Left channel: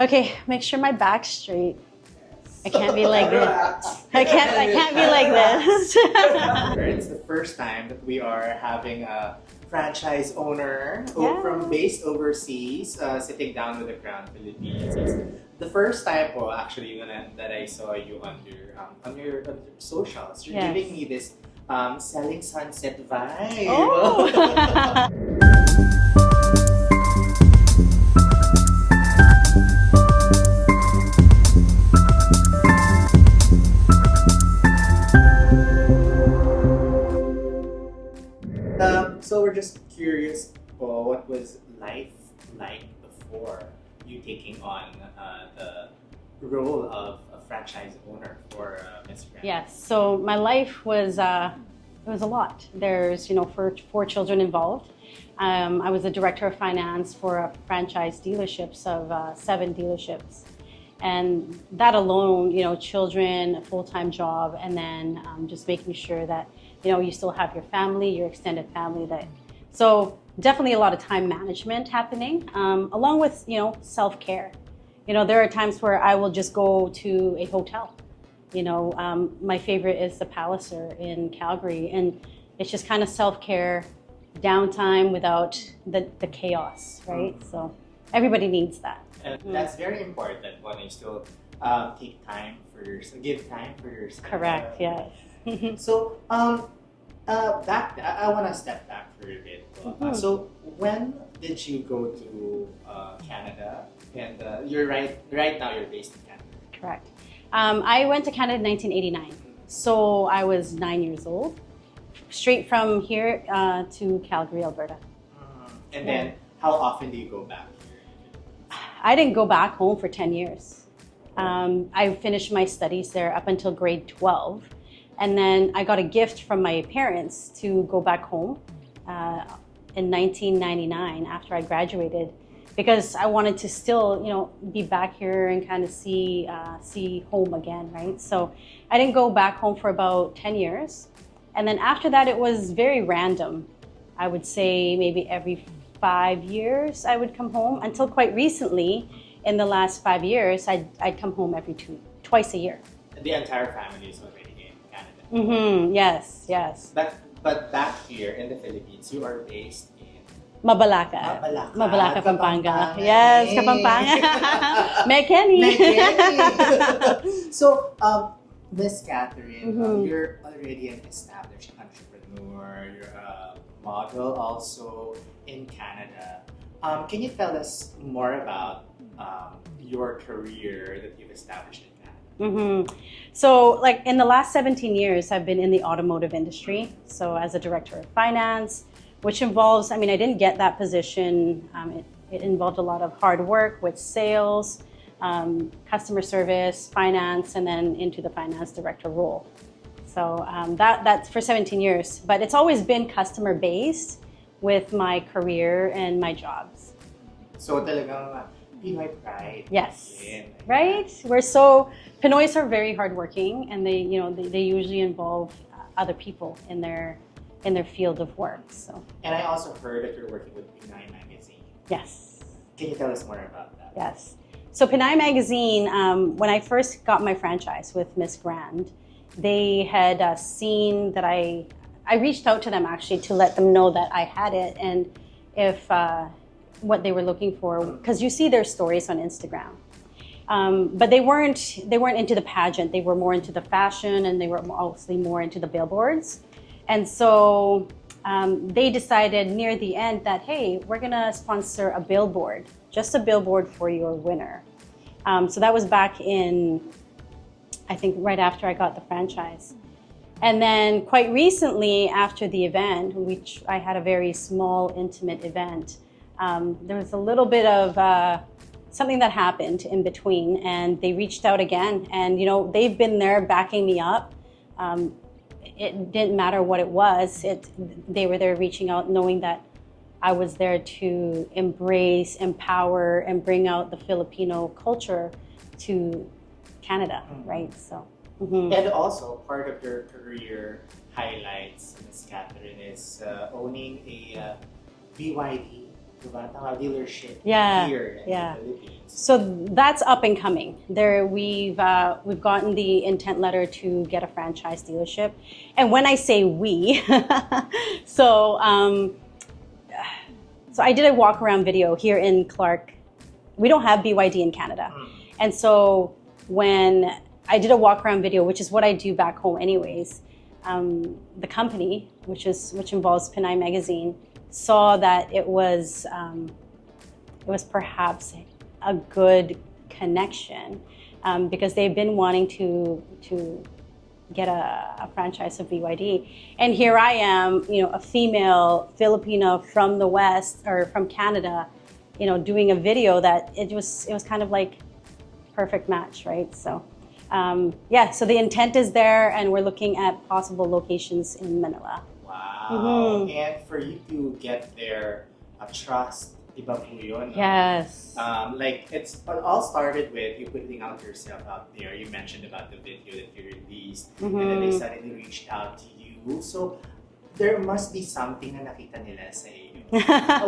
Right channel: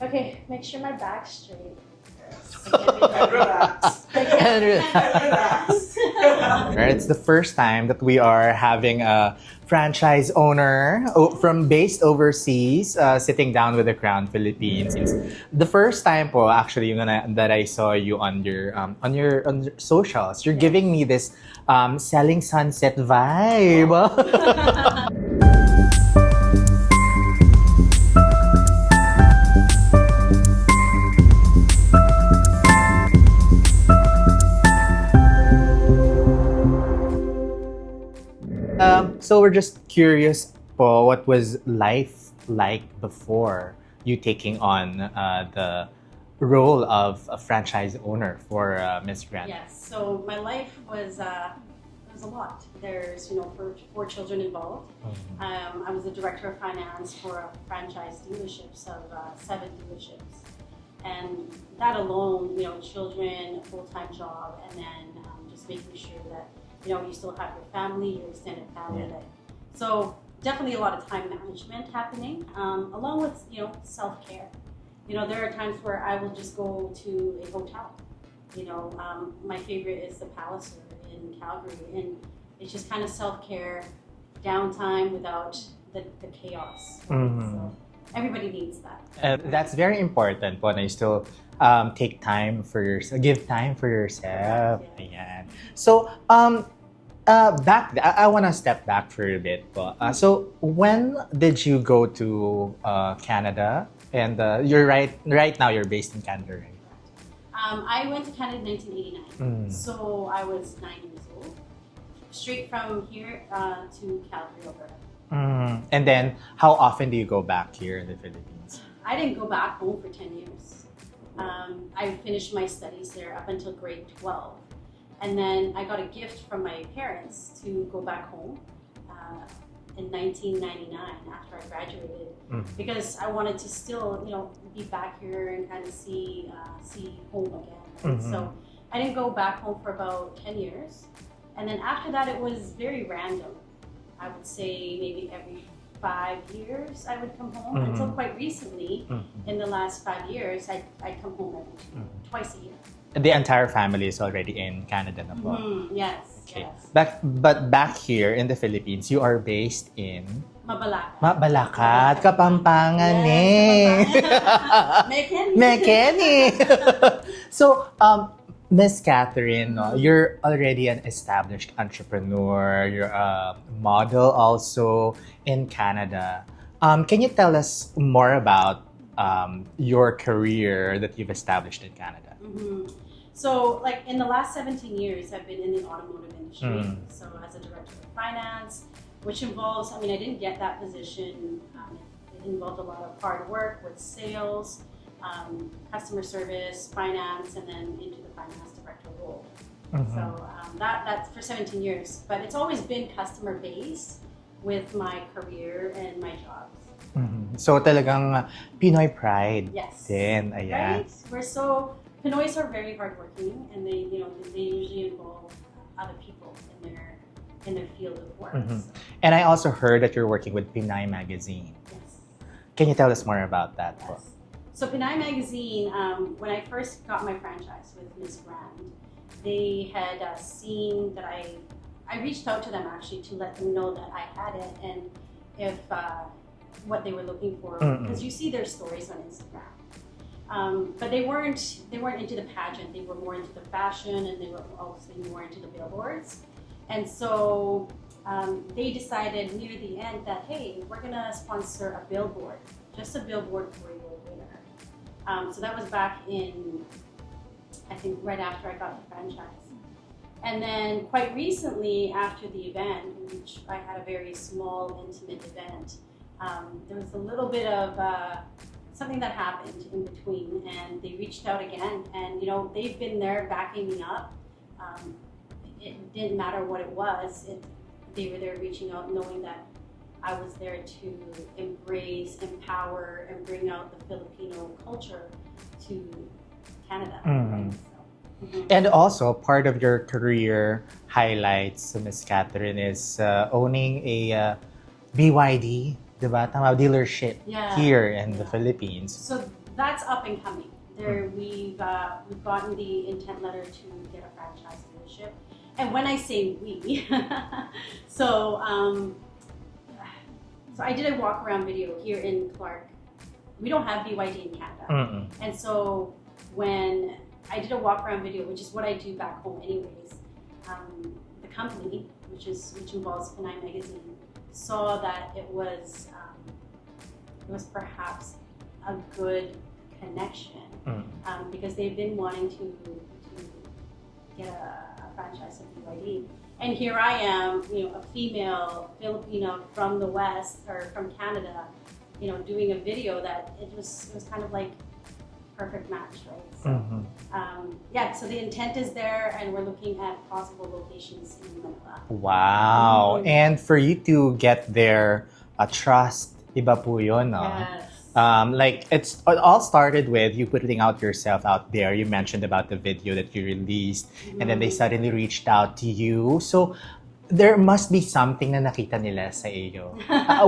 Okay, make sure my back's straight. I can't be like this. I can't be like this. It's the first time that we are having a franchise owner from based overseas sitting down with the Crown Philippines. The first time po actually that I saw you on your socials. You're giving me this selling sunset vibe. Oh. So we're just curious po, what was life like before you taking on the role of a franchise owner for Miss Grand? Yes. So my life was it was a lot. There's four children involved. I was the director of finance for a franchise dealerships of 7 dealerships, and that alone, children, a full-time job, and then just making sure that you still have your family, your extended family. So definitely a lot of time management happening, along with self-care. There are times where I will just go to a hotel. My favorite is the Palliser in Calgary, and it's just kind of self-care, downtime without the chaos, right? So everybody needs that. That's very important when you still take time for yourself, give time for yourself. Correct, yeah. So, I want to step back for a bit. So, when did you go to Canada? And you're right now you're based in Canada. Correct. I went to Canada in 1989. So I was 9 years old. Straight from here to Calgary, Alberta. And then, how often do you go back here in the Philippines? I didn't go back home for 10 years. I finished my studies there up until grade 12. And then I got a gift from my parents to go back home in 1999 after I graduated, because I wanted to still, be back here and kind of see home again, right? So I didn't go back home for about 10 years. And then after that, it was very random. I would say maybe every 5 years I would come home, until quite recently, in the last 5 years, I'd come home twice a year. The entire family is already in Canada now. Yes. But back here in the Philippines, you are based in Mabalaka, Kapampangan. Yes, Kapampangan. Mekeni. So, Miss Katherine, you're already an established entrepreneur. You're a model also in Canada. Can you tell us more about your career that you've established in Canada? So, like in the last 17 years, I've been in the automotive industry. So, as a director of finance, which involves, I didn't get that position. It involved a lot of hard work with sales, customer service, finance, and then into the finance director role. So that's for 17 years. But it's always been customer based with my career and my jobs. So talagang Pinoy pride. Yes. Din. Right? Pinoys are very hardworking, and they usually involve other people in their field of work. So. And I also heard that you're working with Pinay Magazine. Yes. Can you tell us more about that? Yes. So Pinay Magazine, when I first got my franchise with Miss Grand, they had seen that I reached out to them actually to let them know that I had it, and if what they were looking for, because you see their stories on Instagram. But they weren't into the pageant. They were more into the fashion, and they were obviously more into the billboards. And so they decided near the end that, hey, we're gonna sponsor a billboard, just a billboard for your winner. So that was back in, I think, right after I got the franchise. And then quite recently after the event, which I had a very small, intimate event, there was a little bit of something that happened in between, and they reached out again, and they've been there backing me up. It didn't matter what it was. They were there reaching out, knowing that I was there to embrace, empower, and bring out the Filipino culture to Canada, right? So. And also, part of your career highlights, Miss Katherine, is owning a BYD diba? Tama, dealership Yeah, here in the yeah. Philippines. So that's up and coming. There, we've gotten the intent letter to get a franchise dealership, and when I say we, so so I did a walk around video here in Clark. We don't have BYD in Canada, and so when I did a walk around video, which is what I do back home anyways, the company, which involves Pinay Magazine, saw that it was perhaps a good connection because they've been wanting to get a franchise of BYD, and here I am, a female Filipino from the West or from Canada, doing a video that it was kind of like perfect match, right? So yeah, so the intent is there, and we're looking at possible locations in Manila. Wow. And for you to get their trust, iba po yun, no? Yes. Like it all started with you putting yourself out there. You mentioned about the video that you released, and then they suddenly reached out to you. So there must be something na nakita nila sa iyo.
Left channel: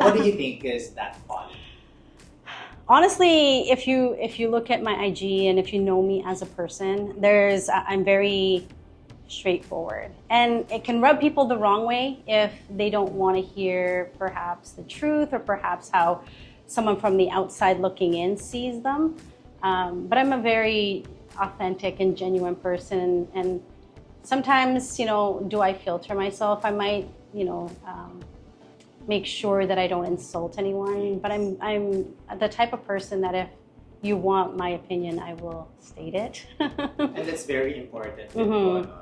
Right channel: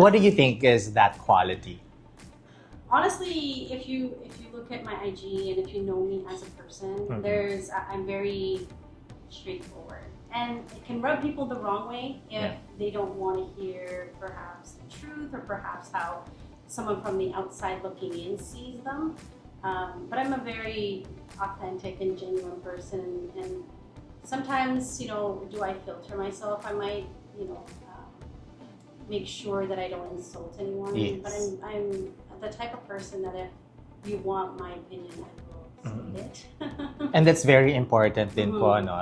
What do you think is that quality? Honestly, if you look at my IG and if you know me as a person, I'm very straightforward, and it can rub people the wrong way if they don't want to hear perhaps the truth or perhaps how someone from the outside looking in sees them. But I'm a very authentic and genuine person, and sometimes, do I filter myself? I might, make sure that I don't insult anyone. Yes. But I'm the type of person that if you want my opinion, I will state it. And that's very important din po, no?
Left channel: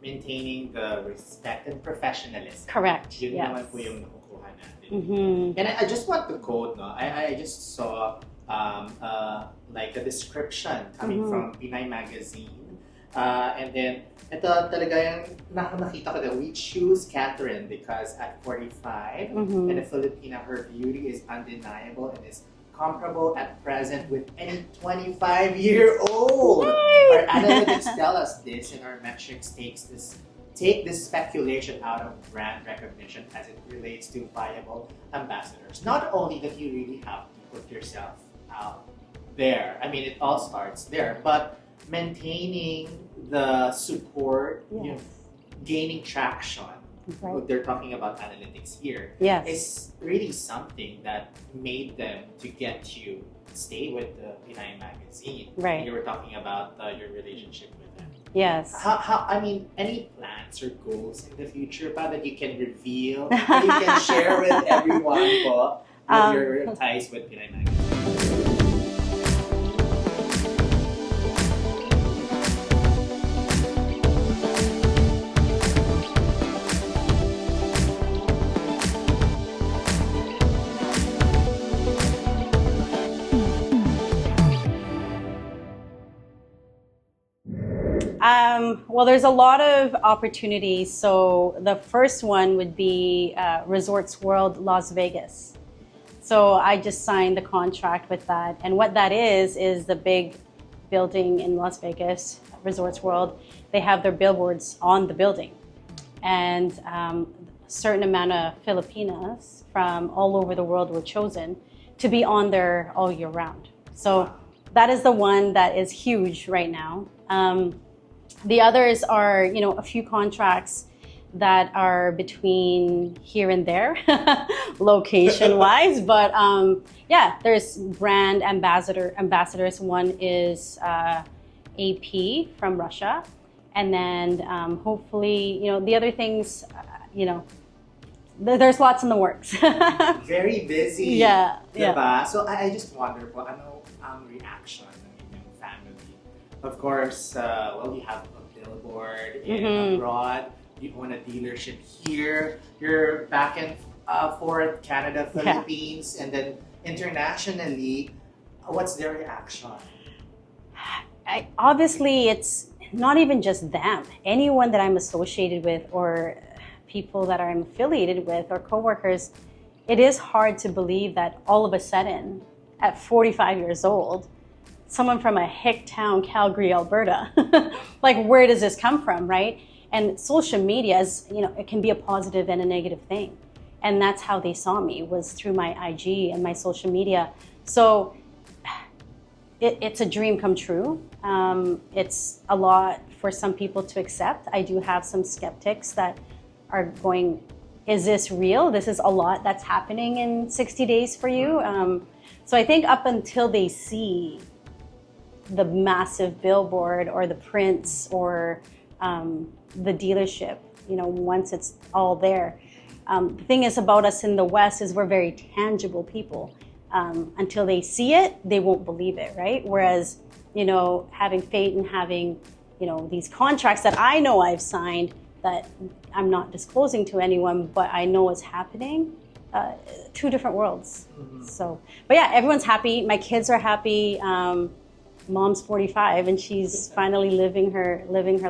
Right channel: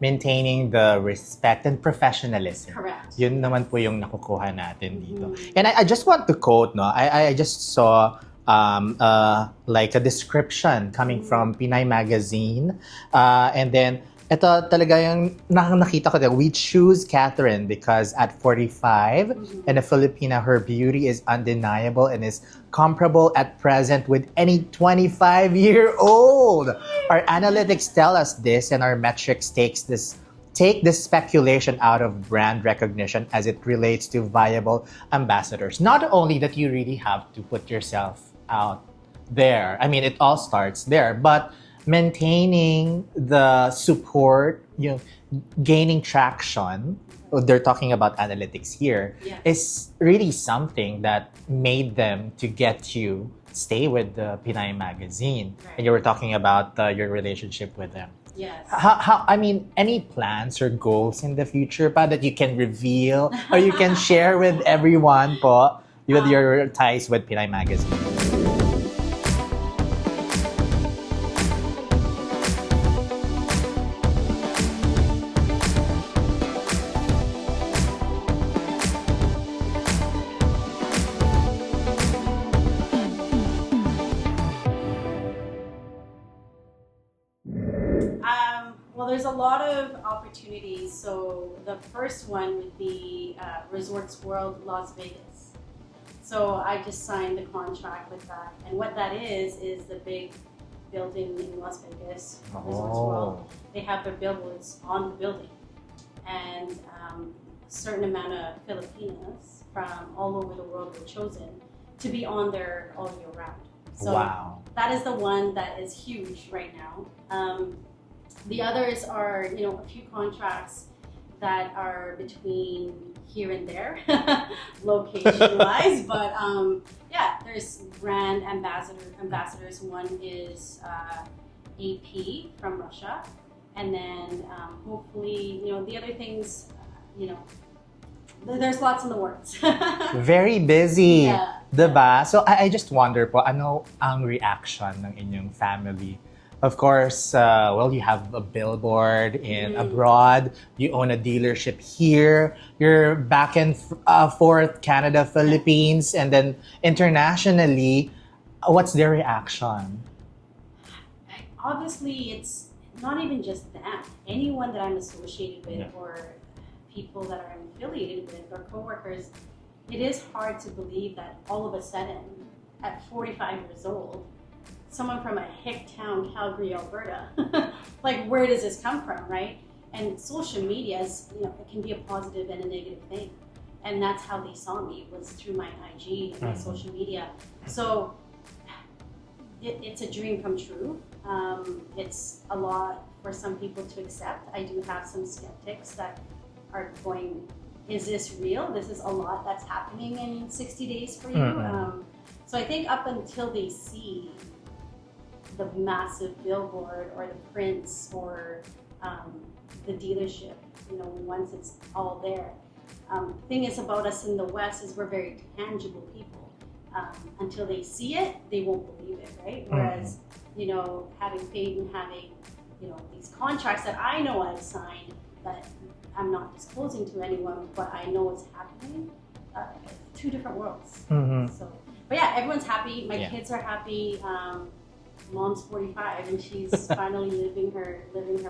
Maintaining the respect and professionalism. Correct. Yun naman po yung nakukuha natin dito. And I just want to quote, no? I just saw like a description coming from Pinay Magazine, and then ito talaga yung nakita ko that we choose Katherine because at 45 and a Filipina, her beauty is undeniable and is comparable at present with any 25-year-old. Our analytics tell us this, and our metrics take this speculation out of brand recognition as it relates to viable ambassadors. Not only that you really have to put yourself out there. I mean, it all starts there, but maintaining the support, gaining traction, they're talking about analytics here, is really something that made them to get you stay with the Pinay Magazine. Right. And you were talking about your relationship with them. Yes. How, I mean, any plans or goals in the future pa that you can reveal or you can share with everyone po with your ties with Pinay Magazine? Well, there's a lot of opportunities. So the first one would be Resorts World Las Vegas. So I just signed the contract with that. And what that is the big building in Las Vegas, Resorts World. They have their billboards on the building. And a certain amount of Filipinas from all over the world were chosen to be on there all year round. So that is the one that is huge right now. The others are, a few contracts that are between here and there, location-wise. But yeah, there's brand ambassadors. One is AP from Russia, and then hopefully, the other things, there's lots in the works. Very busy. Yeah. Diba? Yeah. So I just wonder po, ano ang reaction ng inyong family? Of course, well, you have a billboard in abroad. You own a dealership here. You're back and forth, Canada, Philippines, and then internationally. What's their reaction? Obviously, it's not even just them. Anyone that I'm associated with or people that I'm affiliated with or coworkers, it is hard to believe that all of a sudden, at 45 years old, someone from a hick town, Calgary, Alberta, like where does this come from, right? And social media is, it can be a positive and a negative thing. And that's how they saw me, was through my IG and my social media. So it's a dream come true. It's a lot for some people to accept. I do have some skeptics that are going, is this real? This is a lot that's happening in 60 days for you. So I think up until they see the massive billboard or the prints or the dealership, once it's all there. The thing is about us in the West is we're very tangible people. Until they see it, they won't believe it, right? Whereas, having faith and having, these contracts that I know I've signed that I'm not disclosing to anyone, but I know is happening, two different worlds. So, but yeah, everyone's happy. My kids are happy. Mom's 45 and she's finally living her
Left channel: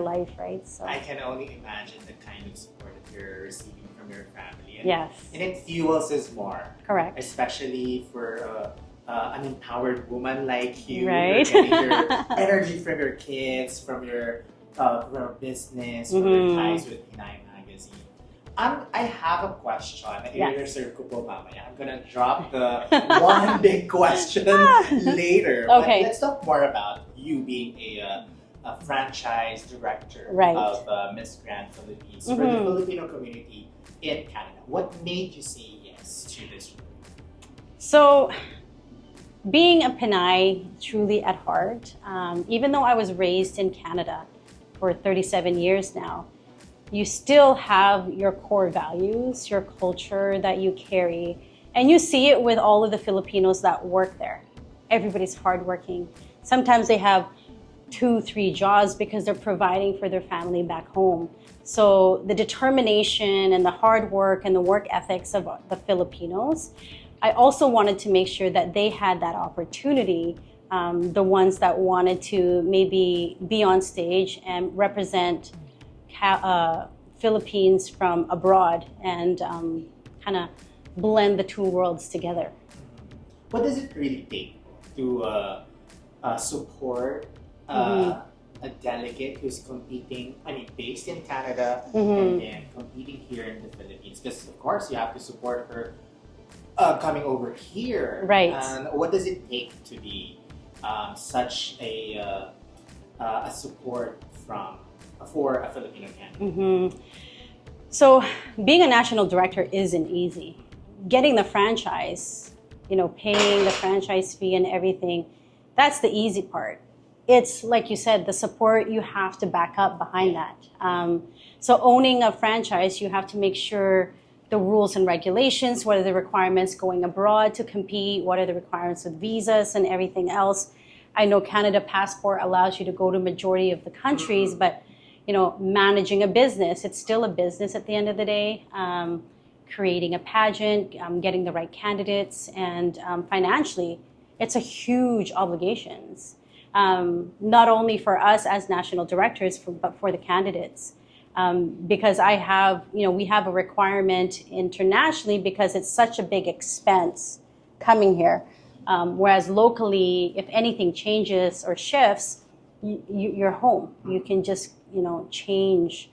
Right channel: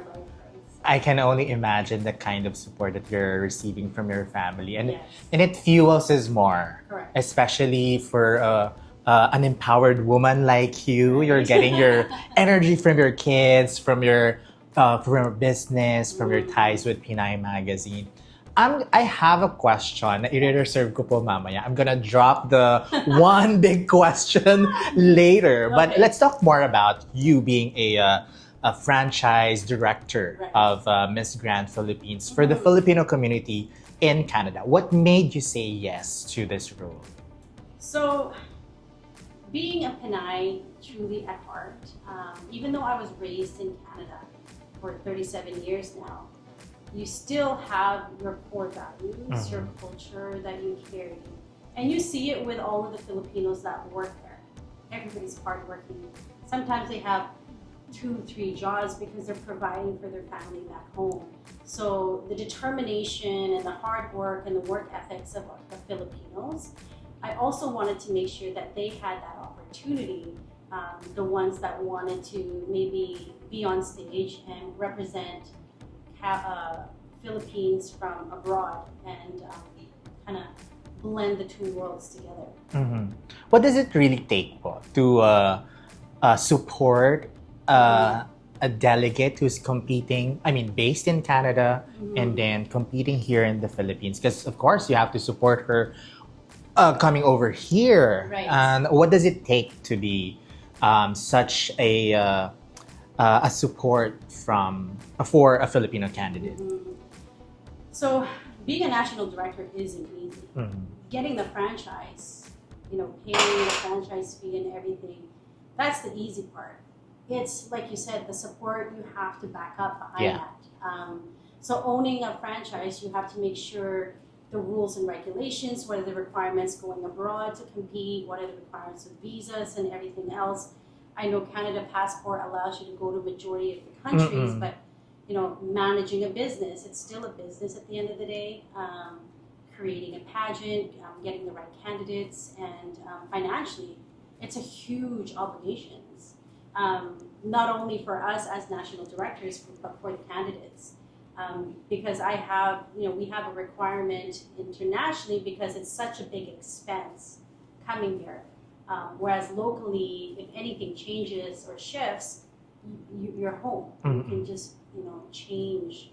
life, right? So. I can only imagine the kind of support that you're receiving from your family, and yes. and it fuels us more. Correct. Especially for an empowered woman like you, right? You're getting your energy from your kids, from your business, from your ties with Pinay Magazine. I have a question na i-reserve ko po mamaya. I'm gonna drop the one big question later. But let's talk more about you being a franchise director of Miss Grand Philippines for the Filipino community in Canada. What made you say yes to this role? So, being a Pinay truly at heart, even though I was raised in Canada for 37 years now, you still have your core values, your culture that you carry, and you see it with all of the Filipinos that work there. Everybody's hardworking. Sometimes they have 2-3 jobs because they're providing for their family back home. So the determination and the hard work and the work ethics of the Filipinos, I also wanted to make sure that they had that opportunity, the ones that wanted to maybe be on stage and represent Philippines from abroad and kind of blend the two worlds together. What does it really take to support a delegate who's competing, based in Canada and then competing here in the Philippines? Because of course you have to support her coming over here. Right. And what does it take to be such a support for a Filipino candidate? So being a national director isn't easy. Getting the franchise, paying the franchise fee and everything, that's the easy part. It's like you said, the support you have to back up behind that. So owning a franchise, you have to make sure the rules and regulations, what are the requirements going abroad to compete, what are the requirements with visas and everything else. I know Canada Passport allows you to go to majority of the countries, but managing a business, it's still a business at the end of the day. Creating a pageant, getting the right candidates, and financially, it's a huge obligations. Not only for us as national directors, but for the candidates. Because we have a requirement internationally because it's such a big expense coming here. Whereas locally, if anything changes or shifts, you're home. You can just, change.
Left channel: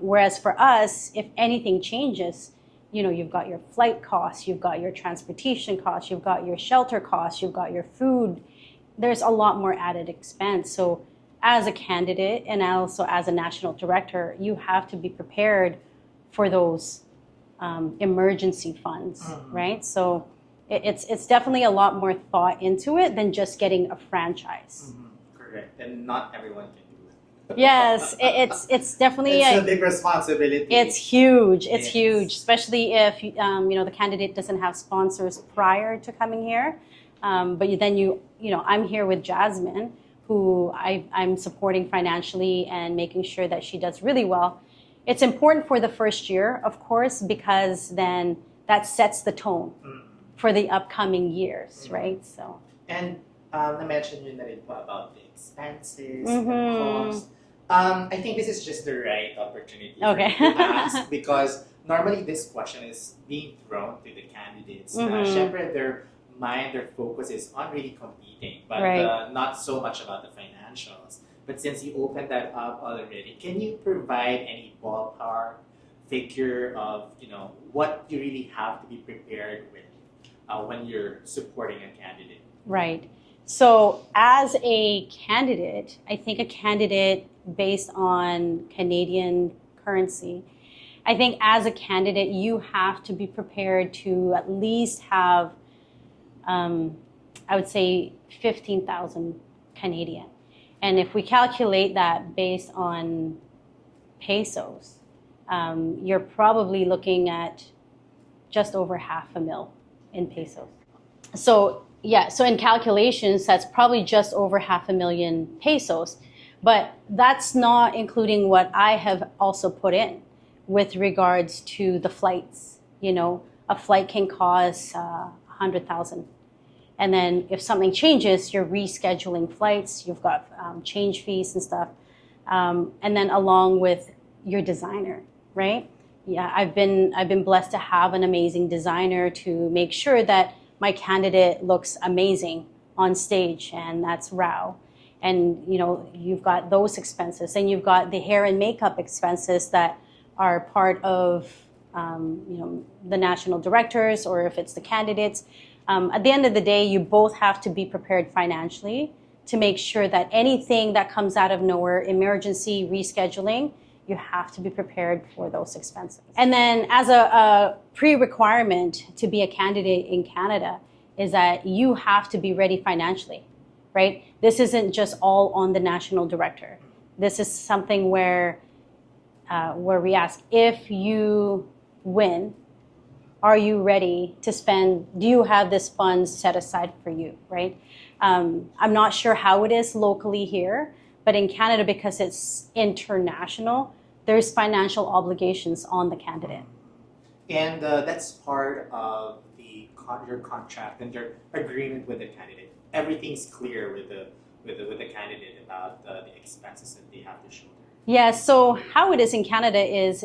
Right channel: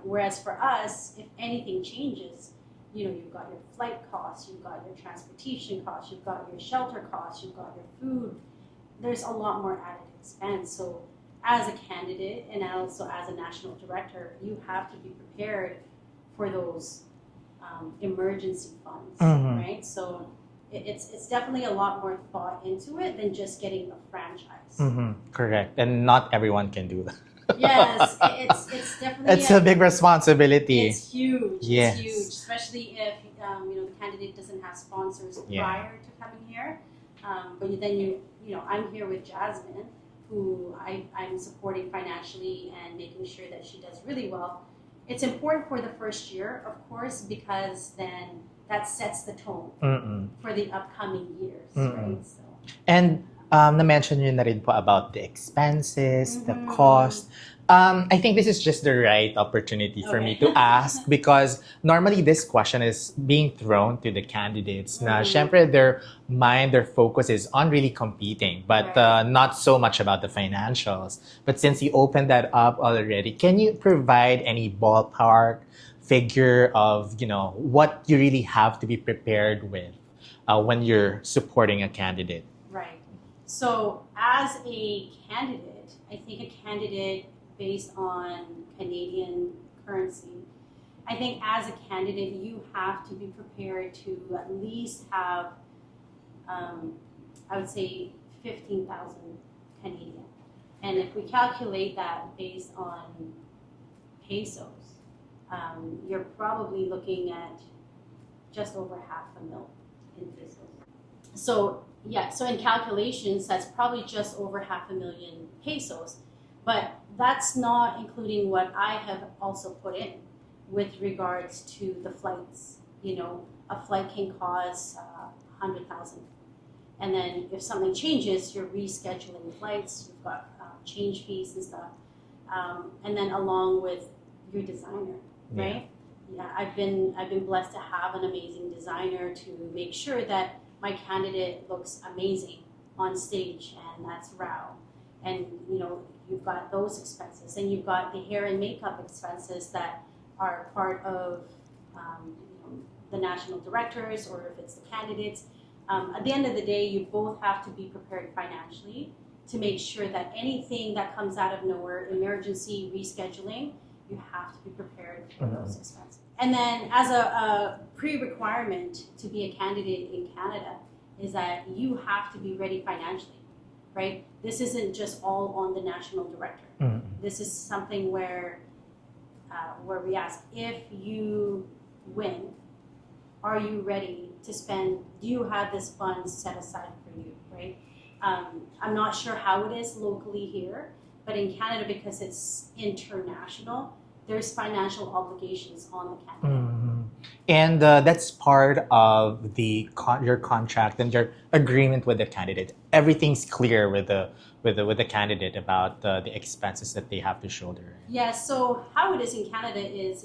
Whereas for us, if anything changes, you've got your flight costs, you've got your transportation costs, you've got your shelter costs, you've got your food. There's a lot more added expense. So as a candidate and also as a national director, you have to be prepared for those emergency funds, right? So it's definitely a lot more thought into it than just getting a franchise. Correct, and not everyone can do that. Yes, it's definitely a big responsibility. It's huge. Yes. It's huge, especially if the candidate doesn't have sponsors prior to coming here. But then I'm here with Jasmine, who I'm supporting financially and making sure that she does really well. It's important for the first year, of course, because then that sets the tone for the upcoming years, right? So. And na-mention nyo na rin po about the expenses, the cost. I think this is just the right opportunity for me to ask because normally this question is being thrown to the candidates na syempre their focus is on really competing but not so much about the financials. But since you opened that up already, can you provide any ballpark figure of, what you really have to be prepared with when you're supporting a candidate? Right. So as a candidate, I think a candidate based on Canadian currency, I think as a candidate, you have to be prepared to at least have, I would say, 15,000 Canadian. And if we calculate that based on pesos, you're probably looking at just over $500,000 in pesos. So in calculations, that's probably just over $500,000 pesos. But that's not including what I have also put in with regards to the flights. A flight can cost 100,000. And then if something changes, you're rescheduling flights, you've got change fees and stuff. And then along with your designer, right? Yeah, I've been blessed to have an amazing designer to make sure that my candidate looks amazing on stage, and that's Rao. And you've got those expenses, and you've got the hair and makeup expenses that are part of the national directors, or if it's the candidates. At the end of the day, you both have to be prepared financially to make sure that anything that comes out of nowhere, emergency rescheduling, you have to be prepared for those expenses. And then as a pre-requirement to be a candidate in Canada is that you have to be ready financially, right? This isn't just all on the national director. This is something where we ask, if you win, are you ready to spend? Do you have this funds set aside for you, right? I'm not sure how it is locally here, but in Canada, because it's international, there's financial obligations on the candidate. And that's part of your contract and your agreement with the candidate. Everything's clear with the candidate about the expenses that they have to shoulder. Yeah. So how it is in Canada is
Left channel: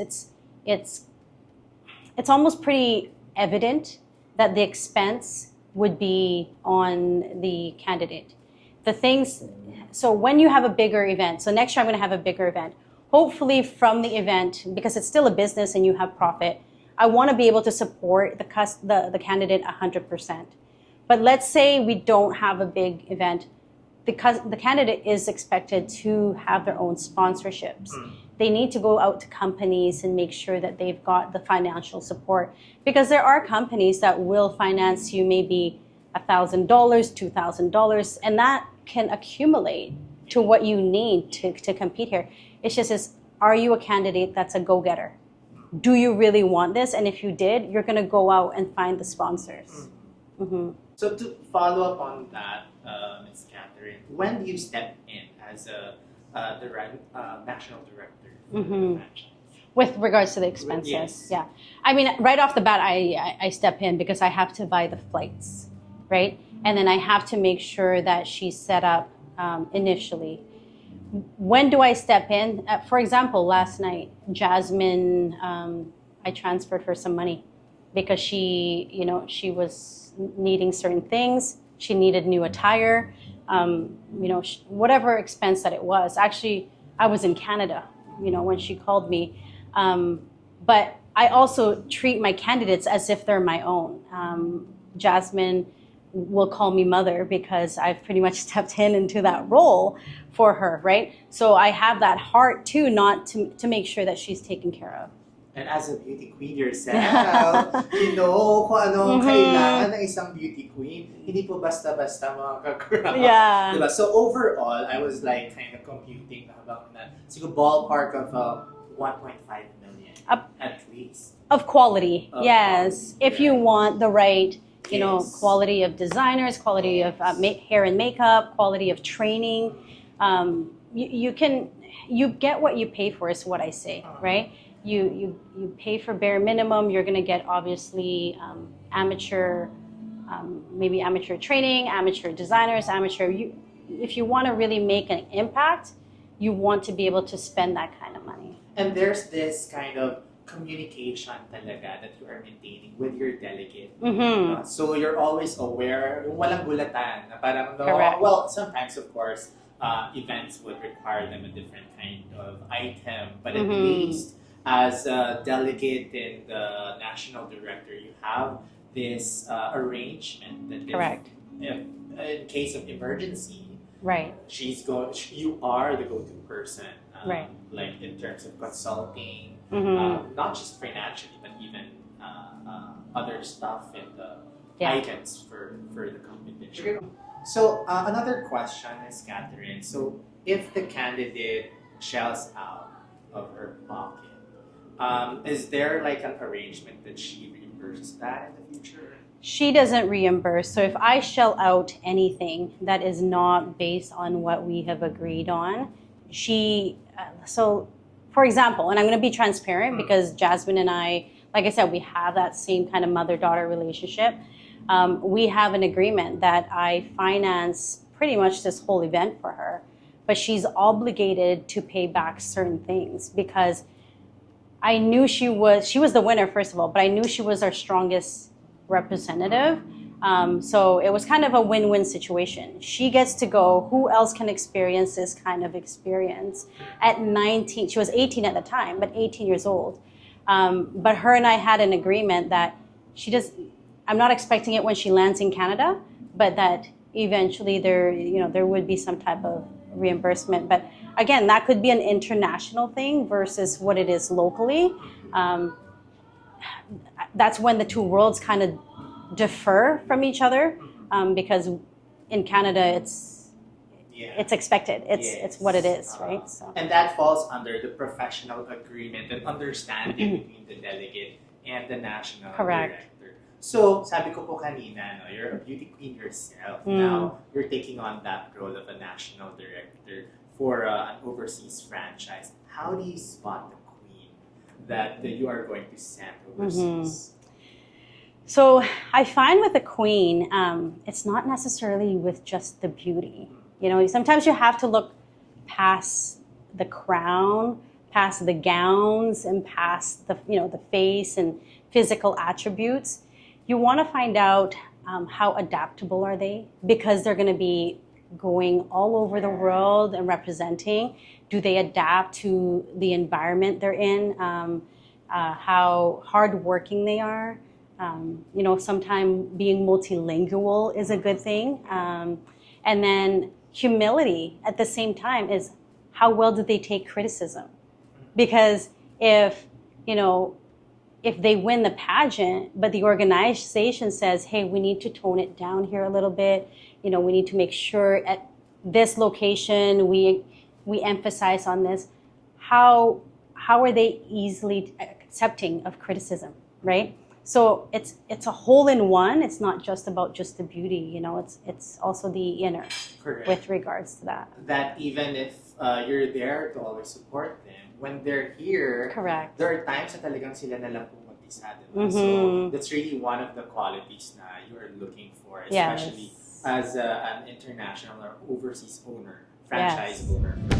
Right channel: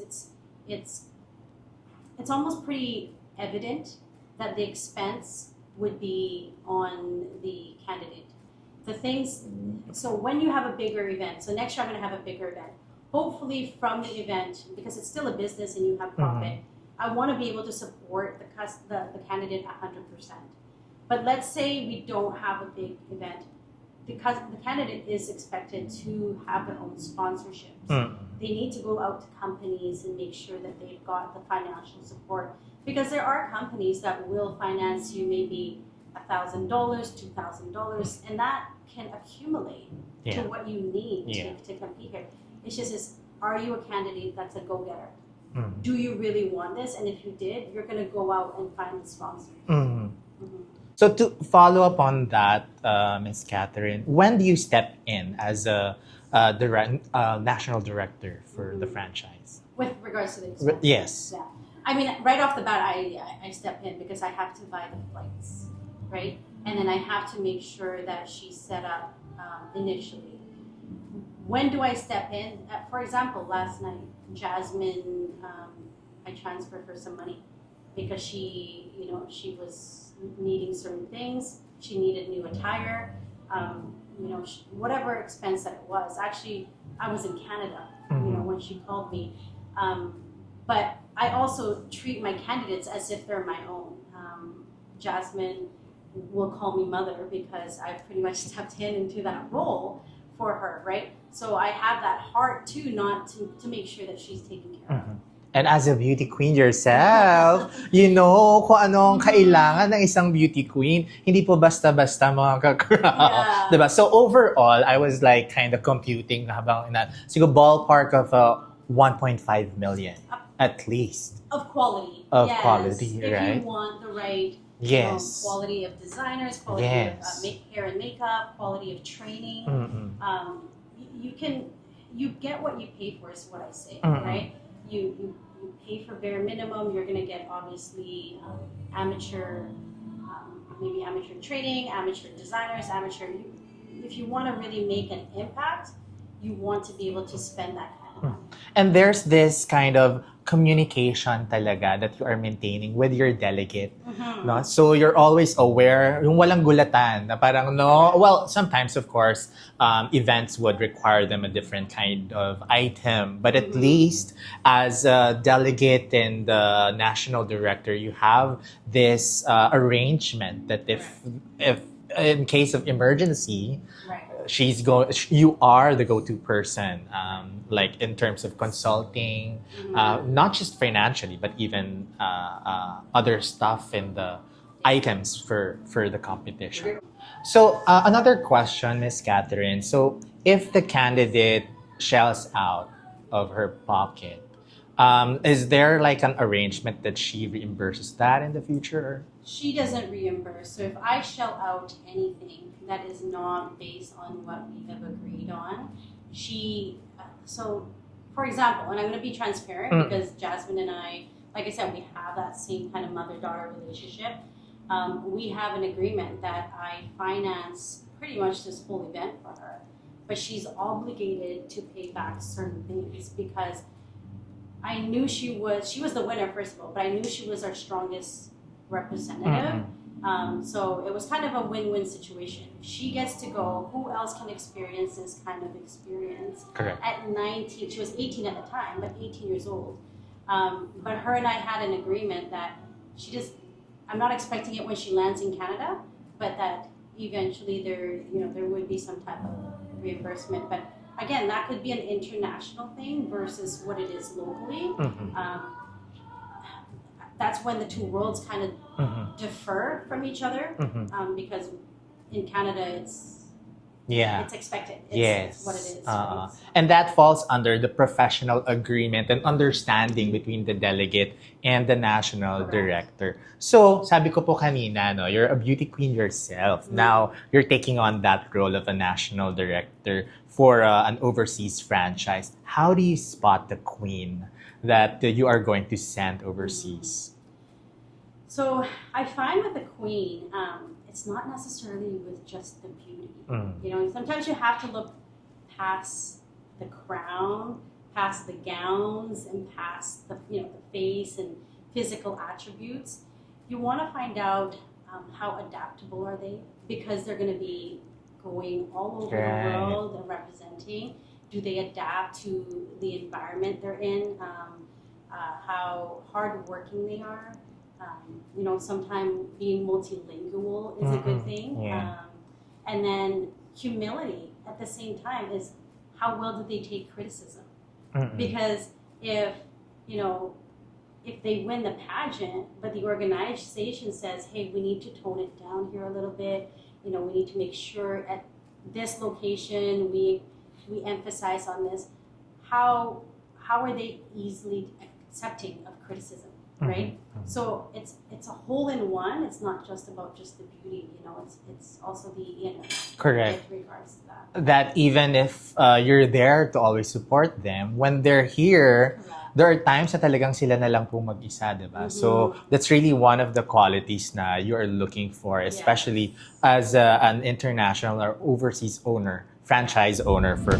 it's almost pretty evident that the expense would be on the candidate. So when you have a bigger event, so next year I'm going to have a bigger event, hopefully from the event, because it's still a business and you have profit, I want to be able to support the candidate 100%. But let's say we don't have a big event, because the candidate is expected to have their own sponsorships. They need to go out to companies and make sure that they've got the financial support, because there are companies that will finance you maybe $1,000, $2,000, and that can accumulate to what you need to compete here. It's just, are you a candidate that's a go-getter? Do you really want this? And if you did, you're going to go out and find the sponsors. So to follow up on that, Ms. Katherine, when do you step in as a national director for the franchise? With regards to the expenses? Yes. Yeah. I mean, right off the bat, I step in because I have to buy the flights, right? And then I have to make sure that she's set up initially. When do I step in? For example, last night, Jasmine, I transferred her some money because she was needing certain things. She needed new attire, whatever expense that it was. Actually, I was in Canada, when she called me. But I also treat my candidates as if they're my own. Jasmine will call me mother because I've pretty much stepped into that role for her, right? So I have that heart too, not to make sure that she's taken care of. And as a beauty queen yourself, you know kung anong kailangan ng isang beauty queen. Hindi po basta-basta mga kakraw. Yeah. Diba? So overall, I was like kind of computing habang siguro ballpark of 1.5 million at least. Of quality, yes. Quality, if you want the right quality of designers, quality of hair and makeup, quality of training, you get what you pay for is what I say, right? You pay for bare minimum. You're going to get obviously amateur, maybe amateur training, amateur designers, if you want to really make an impact, you want to be able to spend that kind of money. And there's this kind of communication talaga that you are maintaining with your delegate. Mm-hmm. No? So you're always aware, yung walang gulatan, na parang no, Correct. well, sometimes of course, events would require them a different kind of item, but at least as a delegate and the national director, you have this arrangement that if in case of emergency, Right. you are the go-to person, Right. like in terms of consulting, not just financially, but even other stuff in the items for the competition. So another question, Miss Katherine. So if the candidate shells out of her pocket, is there like an arrangement that she reimburses that in the future? She doesn't reimburse. So if I shell out anything that is not based on what we have agreed on, so for example, and I'm going to be transparent because Jasmine and I, like I said, we have that same kind of mother-daughter relationship. We have an agreement that I finance pretty much this whole event for her, but she's obligated to pay back certain things because I knew she was the winner, first of all, but I knew she was our strongest representative. So it was kind of a win-win situation. She gets to go. Who else can experience this kind of experience? Correct. At 19, she was 18 at the time, but 18 years old. But her and I had an agreement that I'm not expecting it when she lands in Canada, but that eventually there would be some type of reimbursement. But again, that could be an international thing versus what it is locally. That's when the two worlds kind of differ from each other, because in Canada it's expected. It's what it is, right? So. And that falls under the professional agreement and understanding between the delegate and the national director. So, sabi ko po kanina, no, you're a beauty queen yourself. Now, you're taking on that role of a national director for an overseas franchise. How do you spot the queen that you are going to send overseas? So I find with the queen, it's not necessarily with just the beauty. You know, sometimes you have to look past the crown, past the gowns, and past the the face and physical attributes. You want to find out how adaptable are they, because they're going to be going all over the world and representing. Do they adapt to the environment they're in? How hardworking they are. Sometimes being multilingual is a good thing. And then humility at the same time is how well do they take criticism? Because if they win the pageant, but the organization says, hey, we need to tone it down here a little bit. We need to make sure at this location we emphasize on this. How are they easily accepting of criticism, right? So it's a whole in one. It's not just about just the beauty, it's also the inner. Correct. With regards to that. That even if you're there to always support them, when they're here, there are times na talagang sila na lang po mag-isa, diba? So that's really one of the qualities na you are looking for, especially as an international or overseas owner, franchise owner for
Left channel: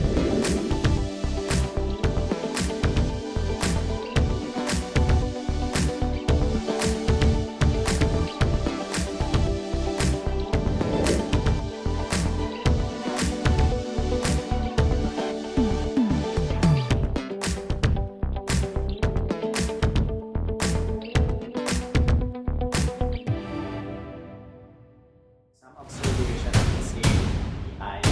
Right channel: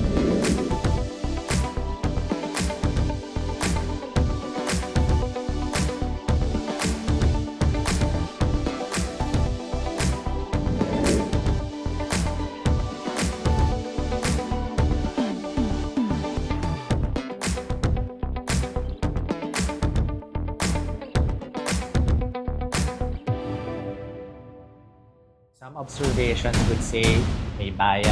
observations would say may bias.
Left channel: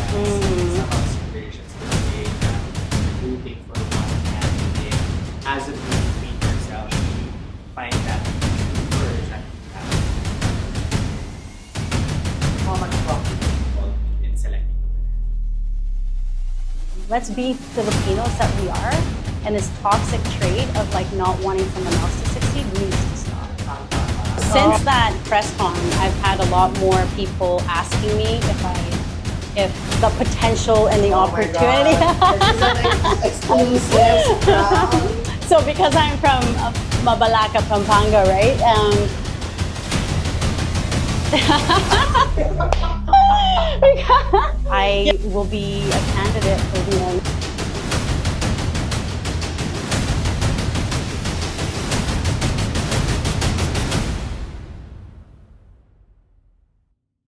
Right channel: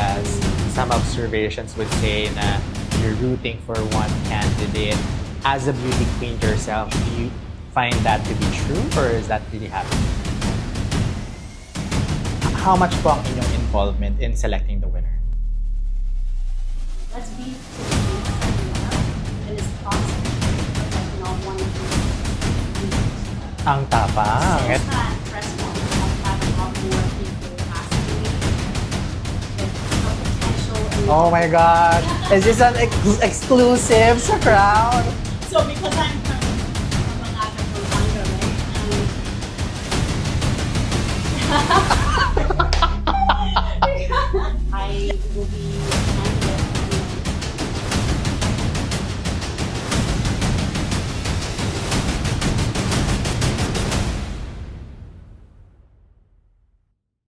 Some observations would say na you're rooting for one candidate. As a beauty queen yourself, do you find that to be true, or is that really happening? How much po ang inyong involvement in selecting the winner? Let's be Filipinos that we are, and this toxic trait of not wanting someone else to succeed really needs to stop. Ang tapa. Since that press con, I've had a lot more people asking me if the potential and the opportunity. Oh my God! Is this an exclusive crown? So because I'm from Mabalaca, Pampanga, right? I will be